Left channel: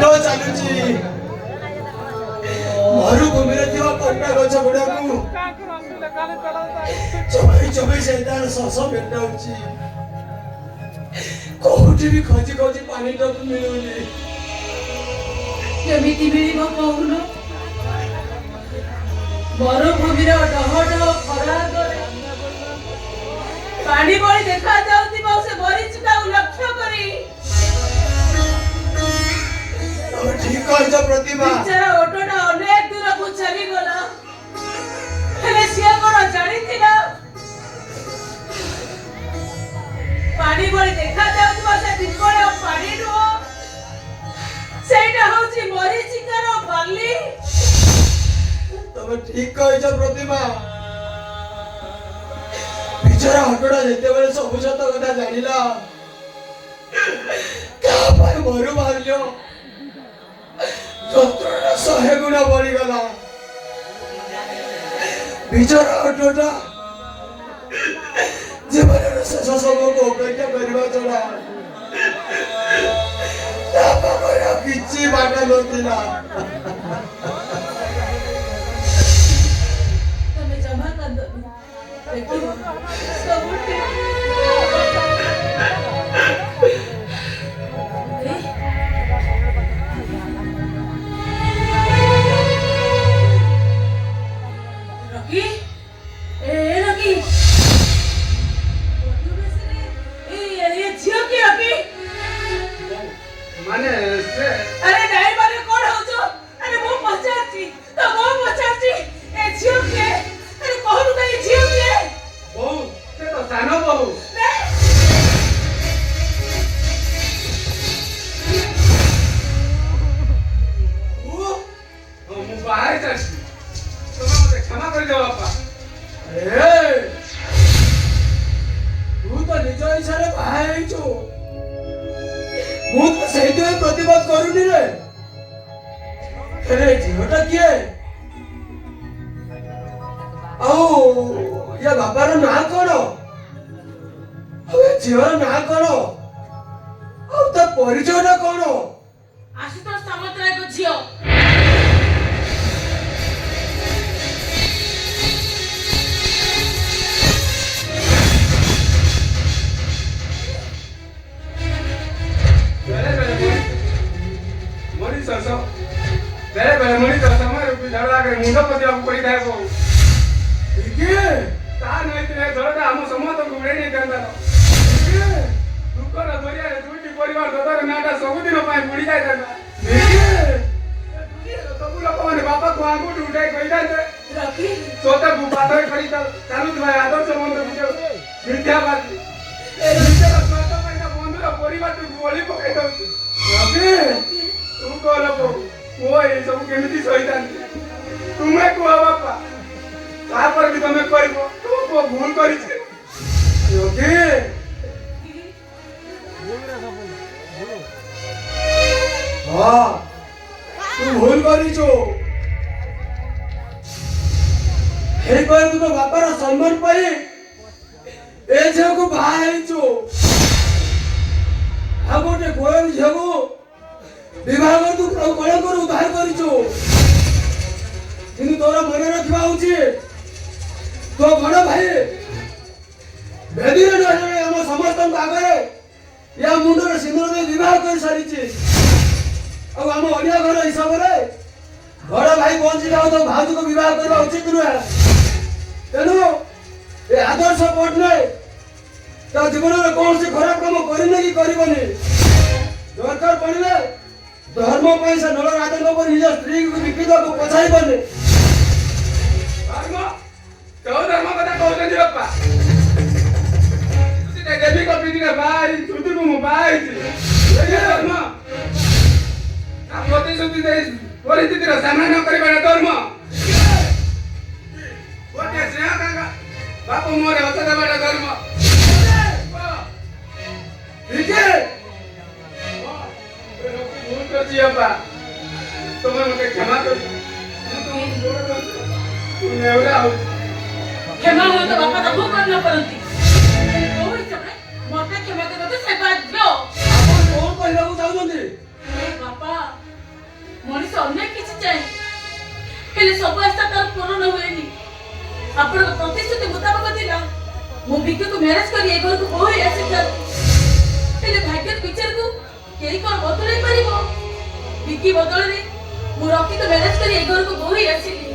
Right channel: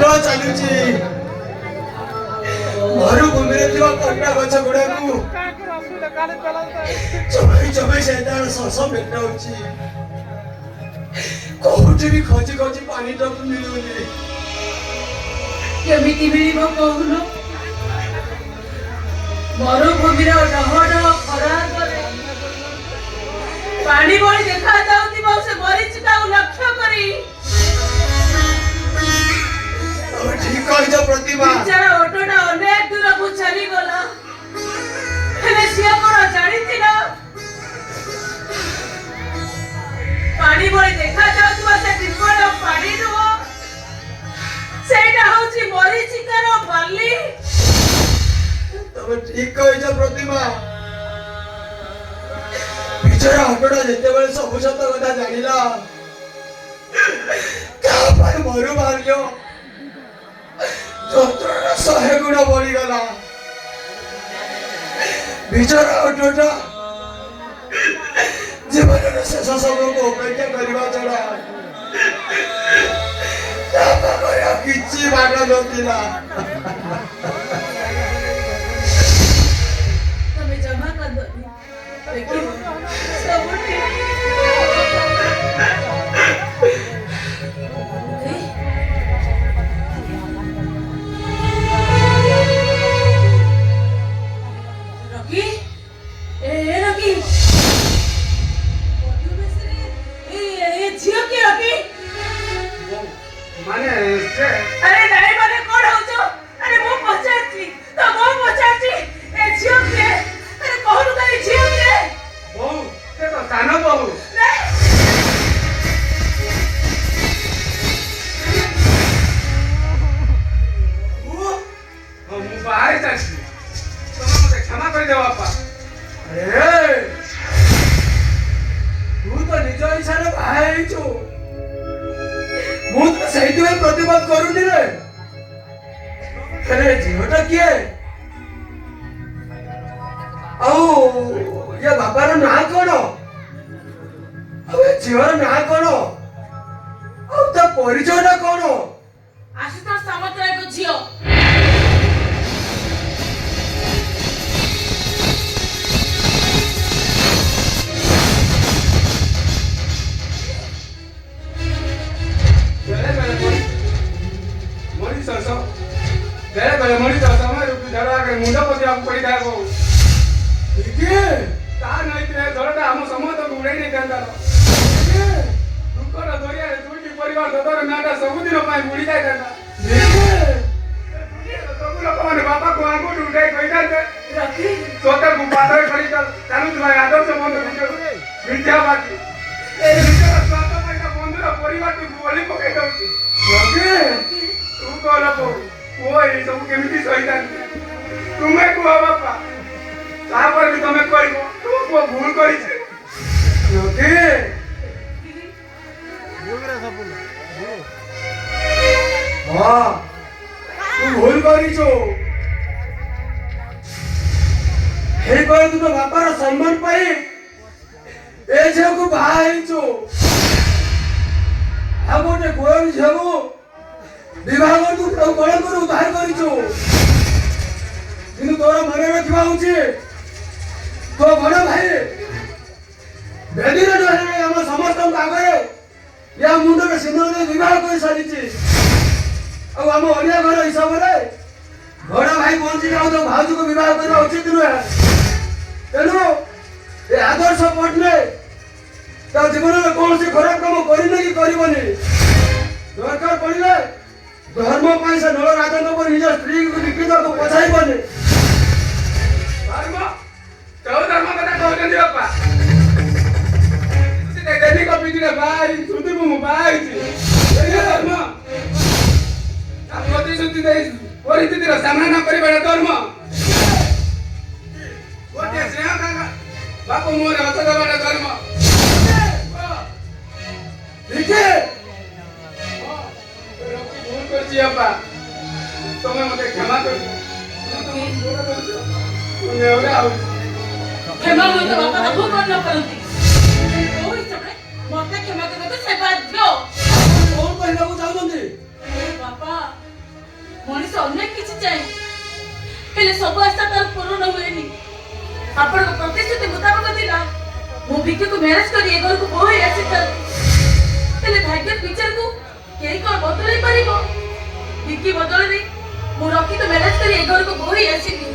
ବାଟ ଚାଲୁଛି ମରୁଭୂମିରେ ଥିବା କଣ୍ଟା ଗଛ ଗୁଡାକୁ ଚୋବେଇ ଚୋବେଇ ସେ ତାର ଶସ ମେଟାଉଛି। କୋଉଠି ବି ଖୋଜି ଖୋଜି ପାଣିଟାକୁ ମିଳୁନି। କେମିତି ମିଳିବ କହୁନ? ମରୁଭୂମିର ଡହ ଡହ ଖରା ଆଗରେ ପାଣି ଭଳି ଦେଖାଯାଉଥିବା ସେ ମରିଚିକାକୁ ଲକ୍ଷ୍ୟ କରି ଠିକ କହିଛ ପ୍ରତିଭା। ବିଚାରା ଅଟୋଟା ଅନେକ ଦୂରକୁ ଚାଲିଗଲା। ହେଲେ ସିଏ କଣ ଜାଣିଥିଲା ପାଣି ଭଳି ଦେଖାଯାଉଥିବା ସେ ବିପଦ ପାଣି ନୁହଁ, ସେଇଟା ହଉଛି ମରିଚିକାର ବାଲି। ତମେ ଠିକ କହିଛ ପ୍ରତିଭା। ବିଚାରା ଅଟୋଟା ଯେତେବେଳେ ସବୁ ସତ କଥା ଜାଣିଲା କାହା ପାଇଁ ମରୁ ଭାଗ୍ୟ ଯନ୍ତ୍ରଣା 100 ଗୁଣ ବଢିଗଲା। ବିଚାରା ଅଟୋଟା ଜୀବନର ଶେଷ ସମୟକୁ ଅପେକ୍ଷା କରିବା ଛଡା ତା ପାଖରେ ଆଉ କିଛି ବାଟ ନଥିଲା। ତମେ ଜମା କାନ୍ଦନି, ଦେଖିବ ସବୁ ଠିକ। ରକି, ଏ ରକି, ଏ ଝିଅ କି ରକି? ମାନେ ଆରେ ନାଇଁ ମାନେ କଣ ହଉଛ? ଆରେ ମୁଁ ପଚାରୁଛି ତ, ମୁଁ ପଚାରୁଛି ଏ ଝିଅ କିଏ? ଆରେ କହୁନୁ ତ ଏ ଝିଅ କିଏ? ବୋଉ, ସେ ତ ସାନ ବୋଉ। ମୁଁ ବାହାରେ ଚାଲିଛି, ତମେ ମତେ କ୍ଷମା କରିଦେବ ବାପା। ତୁ ତ ନିଜ ଇଚ୍ଛାରେ ବାହା ହେଇଛୁ, ମୁଁ ତ ସେଇଥିପାଇଁ ପ୍ରତିବାଦ କରୁନି ରେ। ହେଲେ ଝିଅଟା କିଏ? ଆଉ ୟା ବାପାର ନାଁ କଣ? ଆଉ ଏ ଝିଅର ନାଁ କଣ? ଆଉ ତା ପରିଚୟଟା କଣ? ଆଶୁତୋଷ ସାମନ୍ତରାୟଙ୍କ ଝିଅ। ବେଳେ ମଣିଷ ସମୟ ଝଡ଼ ଆଗରେ ମୁଣ୍ଡ ପୋତିବାକୁ ପଡ଼ିଥାଏ ବୋଉ। ତା ନଇଥିଲେ ଝଡ଼ଟା ଆମ ସମସ୍ତଙ୍କୁ ଉଡ଼େଇ ନେଇଥାନ୍ତା। ଦୁଃଖର ଦରିଆରେ ଦୁଇଟି ପରିବାର ଦଦର ନାଁଟା ସବୁଦିନ ପାଇଁ ବୁଡ଼ି ଯାଇଥାନ୍ତା। ସବୁ ଲୋକମାନେ ବାପାକୁ ଆଙ୍ଗୁଠି ଉଠାଇ କହିଥାନ୍ତେ ସତ୍ୟକୁ ପାଦରେ କରି ଚାଲୁଥିବା ଆଦର୍ଶ ବନ୍ଧୁ ବିଦ୍ୟାବାଦୀ ଏ ନିଜର ସ୍ୱାର୍ଥ ପାଇଁ ତା ବନ୍ଧୁର ପରିବାରକୁ ବଳି ପକାଇ ଦଉଛି। ତୁ କହ ବୋଉ, ପୁଅ ଏ ସବୁ କେମିତି ସହିଥାନ୍ତି? ତୁମେ କୁହ ବାପା, ତାପରେ ବି ତମେ କହିବ ତୁମ ପୁଅ ଭୁଲ କରିଛି। ହଁ, ତୁ ଭୁଲ କରିଛୁ। ହେଇପାରେ ତୁ ତୋ ବାପାର ସମ୍ମାନ ପାଇଁ ଏ ଝିଅକୁ ବାହା ହେଇଛୁ। ଆଉ ଗୋଟେ ଗୋର ଝିଅକୁ ବିବାହ କରି ତୁ କଳଙ୍କରୁ ବାହାର କରିଛୁ। କିନ୍ତୁ ତୋର ମନେ ରଖିବା ଉଚିତ, ତୋ ବଡ ଭାଇ ବେଦୀରେ ରହିଲେ ଆମ ସମସ୍ତଙ୍କ ଆଗରେ ୟା ମୁଣ୍ଡରେ ସିନ୍ଦୁର ଦେଇ ବିବାହ କରି ସାରିଛି। ଆଉ ଆମ ଓଡ଼ିଆ ଘର ହିସାବରେ ବଡ ଭାଇ ବଞ୍ଚିଲେ ଆଉ ତୋ ଭାଉଜକୁ ବିବାହ କରିବା ଉଚିତ ନୁହେଁ। ତେଣୁ ଏ ଆଦର୍ଶ ପଟ୍ଟନାୟକ ତା ଜୀବନରେ କୌଣସି ଖରାପ କାମ କରିନି କି କରିବନି। ଦରକାର ପଡ଼ିଲେ ଧର୍ମ ପାଇଁ ସେ ନଳ ରାଜାଙ୍କ ଉପରେ ନିଜ ସ୍ତ୍ରୀକୁ ଲିଖିତକୁ ପଛାଇବନି। କେଉଁ ଧର୍ମ କଥା କହୁଛନ୍ତି ବାପା? ଦେବୀଙ୍କ ପିଠିରେ ବାହା ହେଇଛି, ଛୁଟିକୁ ମୁଁ ବାହା ହେଇଛି। ଧର୍ମ ପ୍ରତିଶ୍ରୁତି ଦେଇ ପରିସ୍ଥିତିର ସାମ୍ନା ନ କରିବାର ଧର୍ମ। ଗୋଟିଏ ସ୍ନେହ କାଙ୍କା ବାପୁ ମୁହଁରେ ହସ ଦେବାର ଧର୍ମ। ଭୁଲ କରିଛି ବାପା, ତମେ ମତେ କ୍ଷମା କରି କ୍ଷମା ହୁଏତ ବାପା ତାକୁ କରି ନ ପାରନ୍ତି। କୋଉ ହିସାବରେ ମତେ କ୍ଷମା କରିବାକୁ ସେ ବାଧ୍ୟ। କଣ କହିବାକୁ ଚାହୁଁଛନ୍ତି? ବାପା ମଣିଷ ଅନେକ କିଛି ଚାହେଁ, ହେଲେ ସବୁ ଆଶା ତାର ପୂରଣ ହୁଏନି। ଆପଣଙ୍କ ପ୍ରତିଶ୍ରୁତି ମୁତାବକ ଥିଲା ମୁଁ ବିକିକୁ ମ୍ୟାରେଜ କରି ଏ ଘରକୁ ବୋହୂ ହେଇ ଆସିଥାନ୍ତି, ହେଲେ ଭାଗ୍ୟ ବିଚାରକୁ କେହି କଣ ବଦଳେଇ ପାରିବ? ବିକି ବଦଳରେ ମୁଁ ରକିକୁ ମ୍ୟାରେଜ କରି ଏ ଘରକୁ ବୋହୂ ହେଇ ଆସିଲି।